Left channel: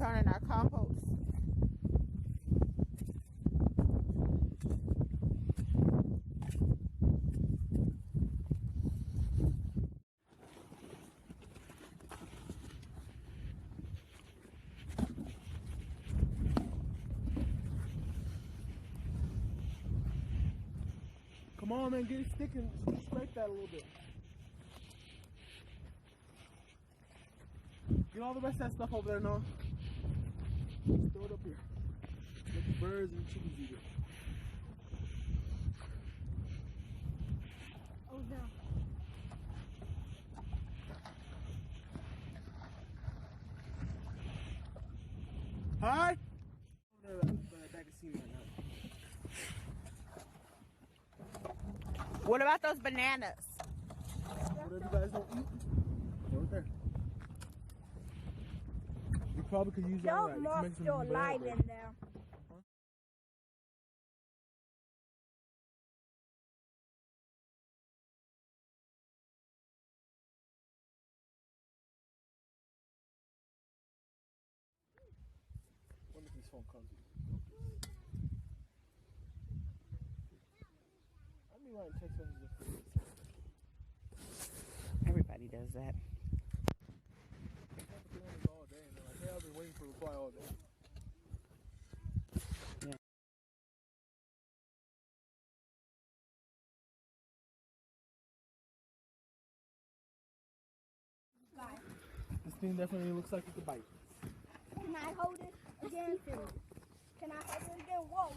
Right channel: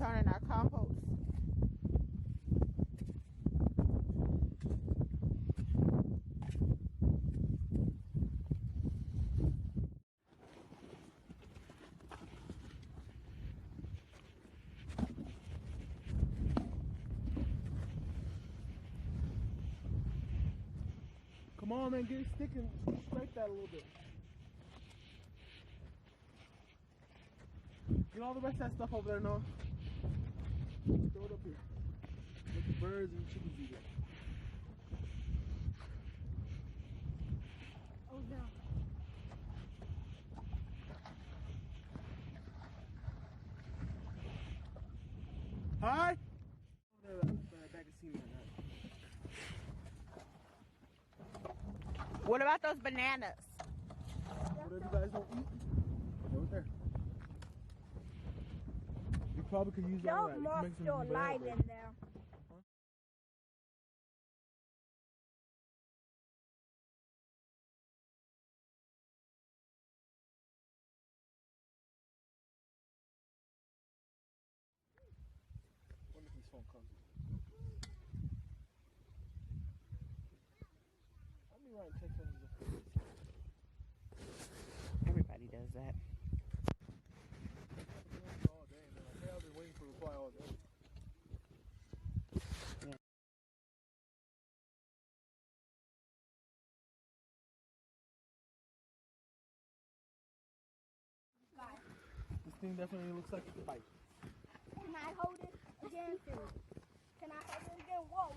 turning our compost. Come on, man, get a stick and scrape that a little bit. Get all the rest of that stuff over there, Noah. Just throw it up here. Let the birds and the chickens eat it. Oh no. Hi? Over there, back of scene right now. What about those bananas? Whatever you guys don't eat, throw it there. You probably could use all that. Don't You can make morph some your banana lime bread. in there. I wonder if this phone comes with it. I'd be writing text messages. Everybody does that. All day, and they're like, hey, I've been waiting for a reply all day. Yeah. This thing definitely looks like it's a bite. Can I hold it again? Can I hold it again? Whoa.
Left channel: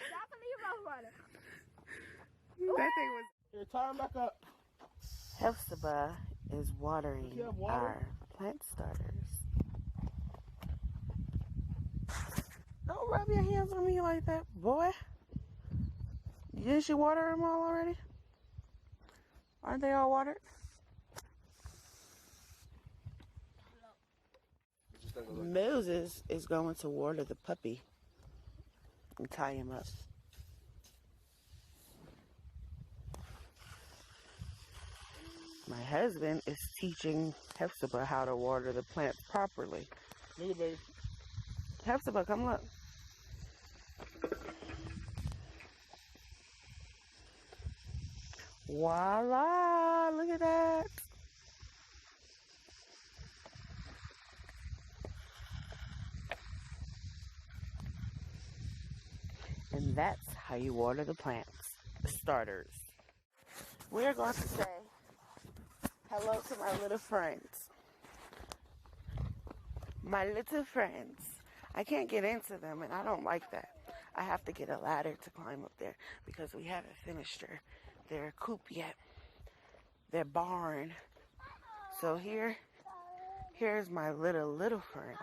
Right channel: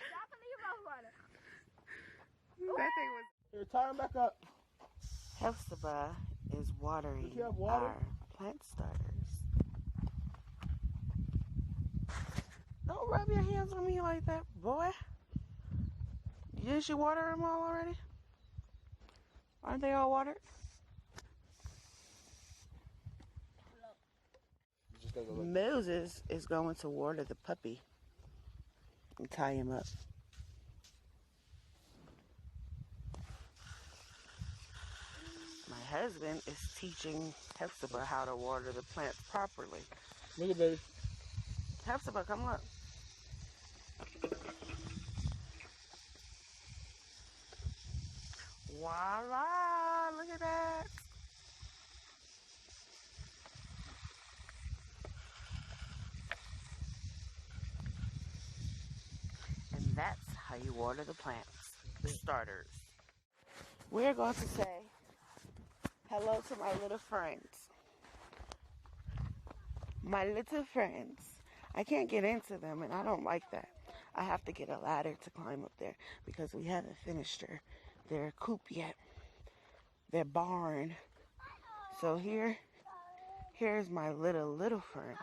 Stop and leave off running. That thing was. Here, tie him back up. Hepzibah is Does watering he have water? our plant starters. Don't rub your hands on me like that, boy. Didn't you water them all already? Aren't they all watered? Moses is going to water the puppy and tie him up. My husband is teaching Hepzibah how to water the plants properly. Look at baby. Hepzibah, come look. Voila! Look at that. And that's how you water the plants, the starters. We are going to say hello to my little friends. My little friends. I can't get into them, and I don't like that. I have to get a ladder to climb up there because we haven't finished their coop yet, their barn. So here's my little friends.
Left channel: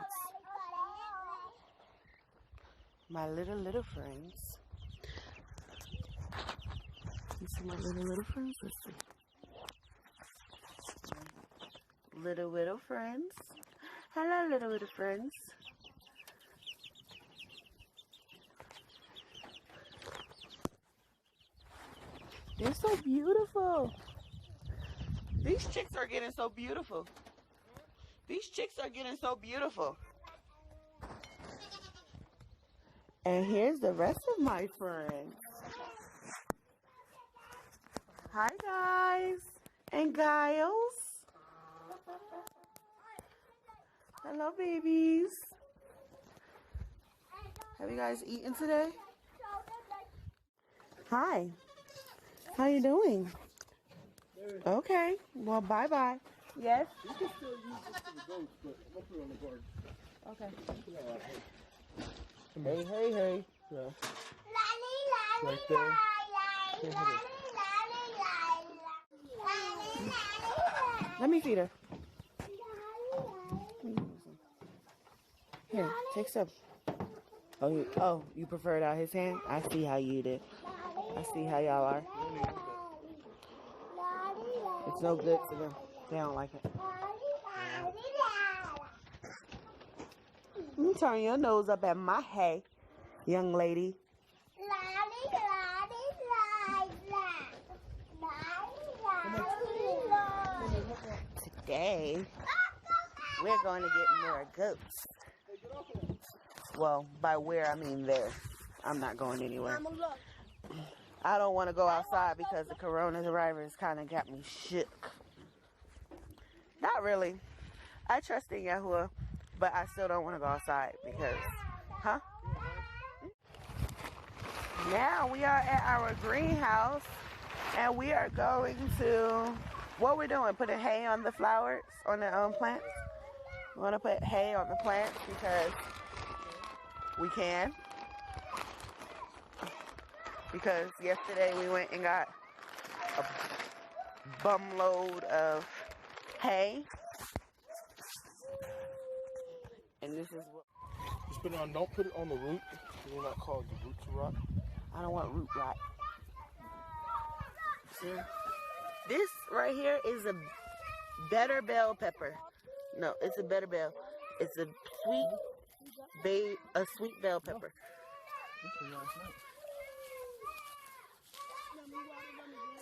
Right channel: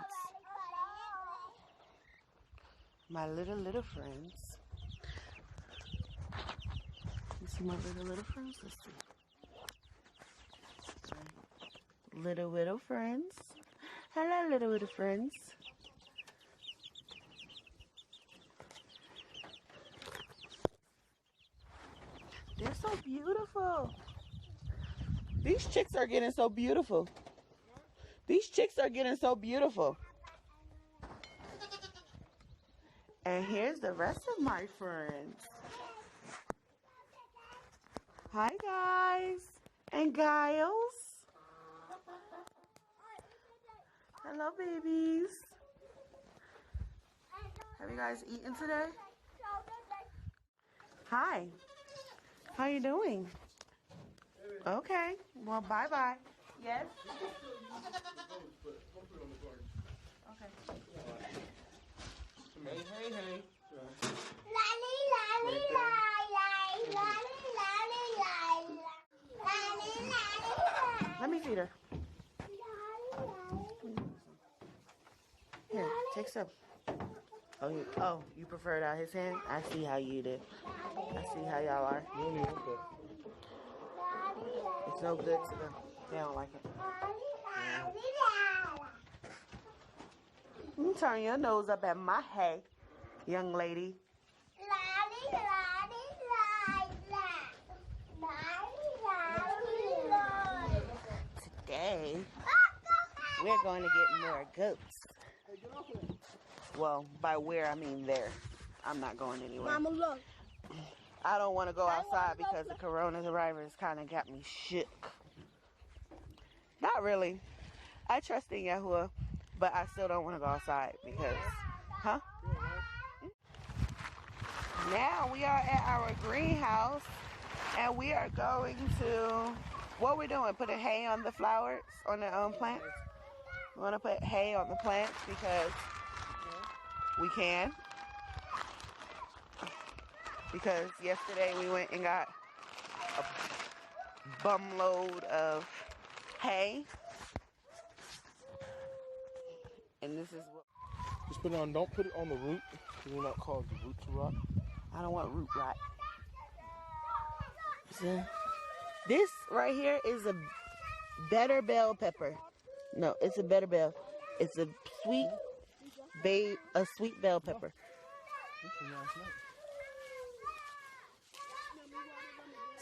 My little friends. You see my little friends? Let's see. My little friends. Hello, little friends. They're so beautiful. These chicks are getting so beautiful. These chicks are getting so beautiful. And here's the rest of my friends. Hi, guys and Giles. Hello, babies. Have you guys eaten today? Hi. How you doing? Okay. Well, bye-bye. Yes? You can still use it for the goats, but we'll put it on the garden. Okay. Hey. Yeah. Right there. Let me feed her. Here, take some. Oh, you prefer it out his hand? I see how you did. I see how y'all are. It's no good to them. They don't like it. You turn your nose up at my hay, young lady. Today, we're going to get more goats. Hey, get off of that. Well, by where I mean there. I'm not going anywhere. Mama, look. I don't want to go outside because the coronavirus kind of got me shook. Not really. I trust in Yahuwah, but I still don't want to go outside because, huh? Now we are at our greenhouse and we are going to, what we're doing, putting hay on the flowers, on the plants. We're going to put hay on the plants because we can. Because yesterday we went and got a bum load of hay. And this is what... Just put it on, don't put it on the root. It will not cause the root to rot. I don't want root rot. See? This right here is a better bell pepper. No, it's a better bell. It's a sweet bell pepper. This was last night.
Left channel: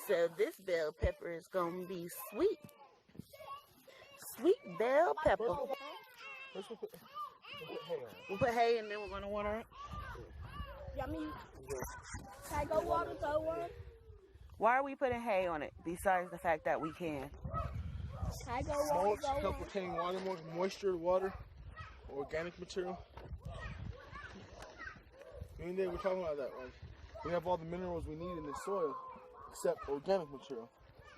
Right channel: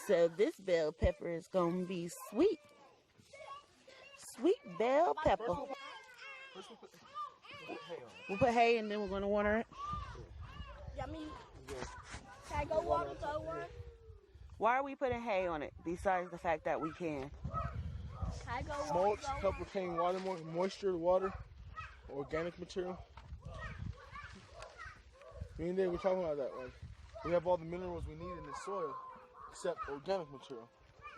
So this bell pepper is gonna be sweet. Sweet bell pepper. First we'll put hay on it. We'll put hay and then we're gonna water it. Yummy. Can I go water the one? Why are we putting hay on it besides the fact that we can? Can I go Mulch, water the help one? retain water, moisture, water, organic material. Me and Dave were talking about that. Like, we have all the minerals we need in the soil except organic material.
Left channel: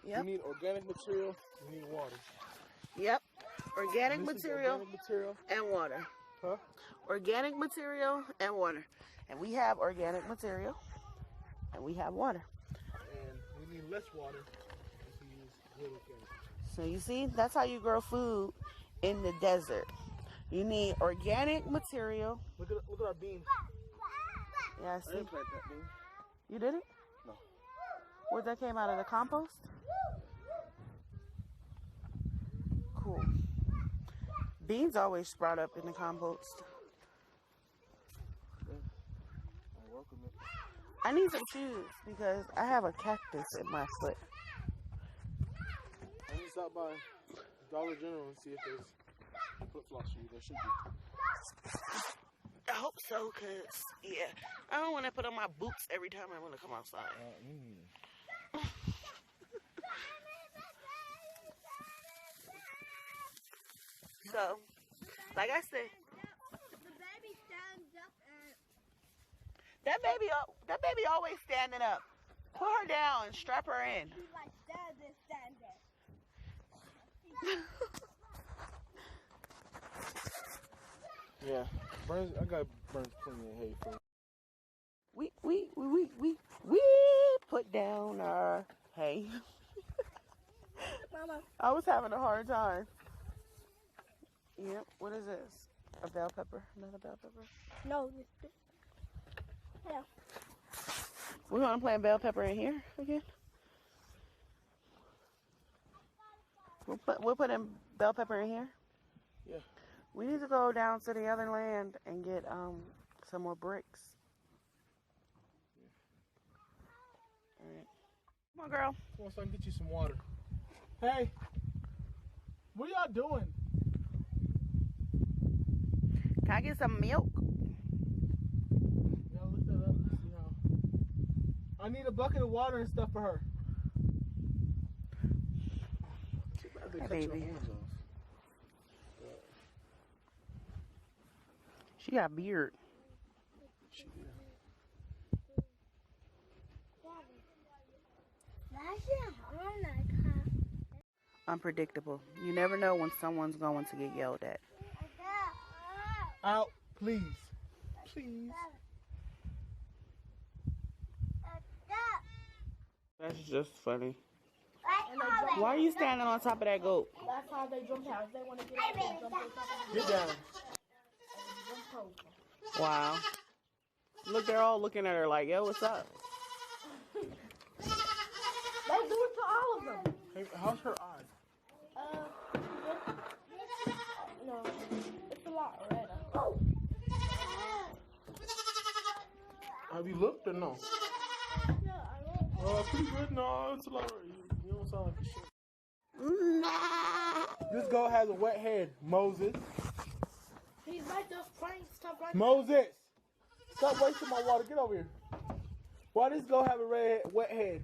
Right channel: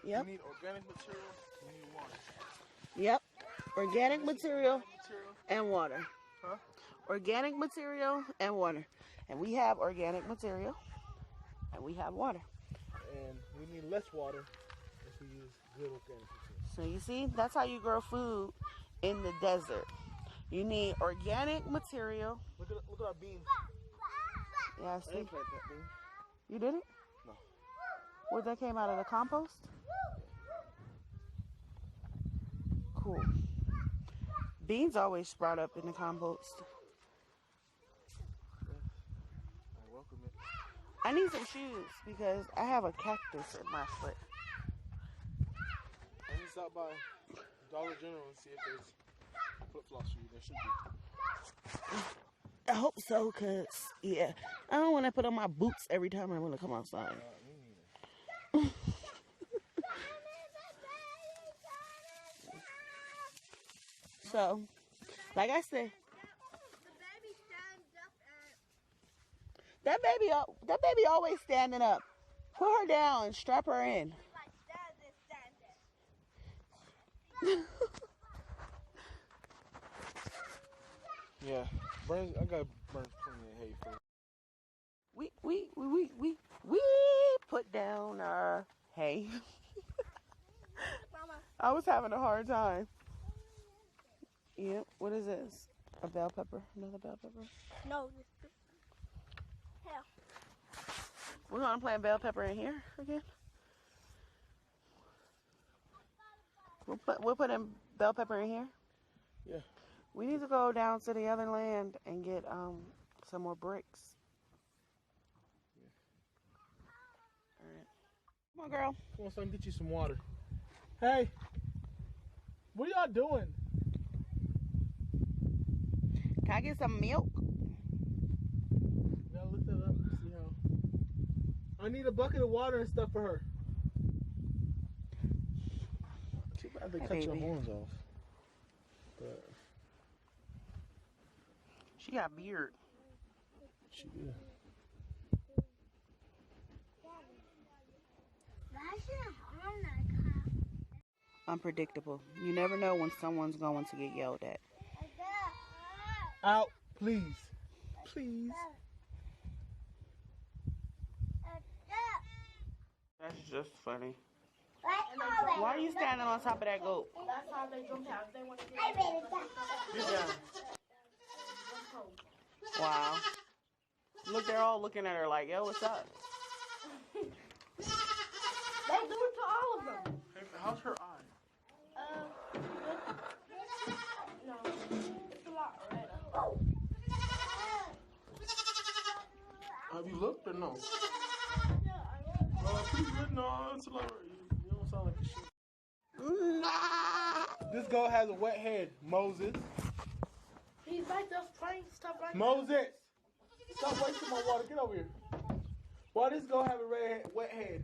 Yep. We need organic material, we need water. Yep. Organic material Organic material. and water. Huh? Organic material and water. And we have organic material and we have water. And we need less water if we use good organic material. So you see, that's how you grow food in the desert. You need organic material. Look at our beans. Yeah, I I see. didn't plant that bean. You did it? No. What, that came out of the compost? Cool. Beans always sprout up in the compost. I welcome it. I need some shoes because I have a cactus in my foot. I need to stop by Dollar General and see if there's flip-flops for you. There should be. I hope so, because, yeah, I don't want to put on my boots every time I want to come outside. Me neither. So, like I said, The baby stands up and that baby always standing up. Put her down and strap her in. he's like standing. Yeah. Burns, I got Burns plenty of hay for We put down our hay. Mama, I was having a hard time. Yep, what is this? A bell pepper? Another bell pepper? no, this. Yeah. We're gonna plant bell pepper in here again. We'll put in bell pepper in here. Yeah. We need to go down to the other land and get some more bricks. All right. Come on, girl. Come on, son, get you some water. Hey, what are y'all doing? Can I get some milk? Yeah, look that up. See how. I need a bucket of water and stuff for her. Too bad they Hey, cut your baby. horns off. But She got beard. she did. Unpredictable. You never know when someone's going to get yelled at. Out, please. Please. That's just funny. Why are you standing on top of that goat? That's how they jump out. They want to get Get down. Wow. Look, they're all looking at her like, yo, what's up? They do it to all of them. Hey, how's her eye? No, it's a lot redder. Have you looked or no? Yeah, I know. Pretty good. No, it's a lot. You don't sound like a shit. This goat has a wet head, Moses. He's like just playing stuff like Moses! Stop wasting my water. Get over here. Why does this goat have a wet head?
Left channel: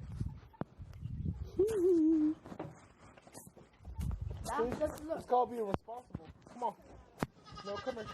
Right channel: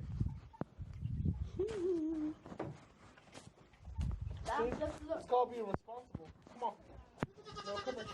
that. Just look. It's called being responsible. Come on. No, come here.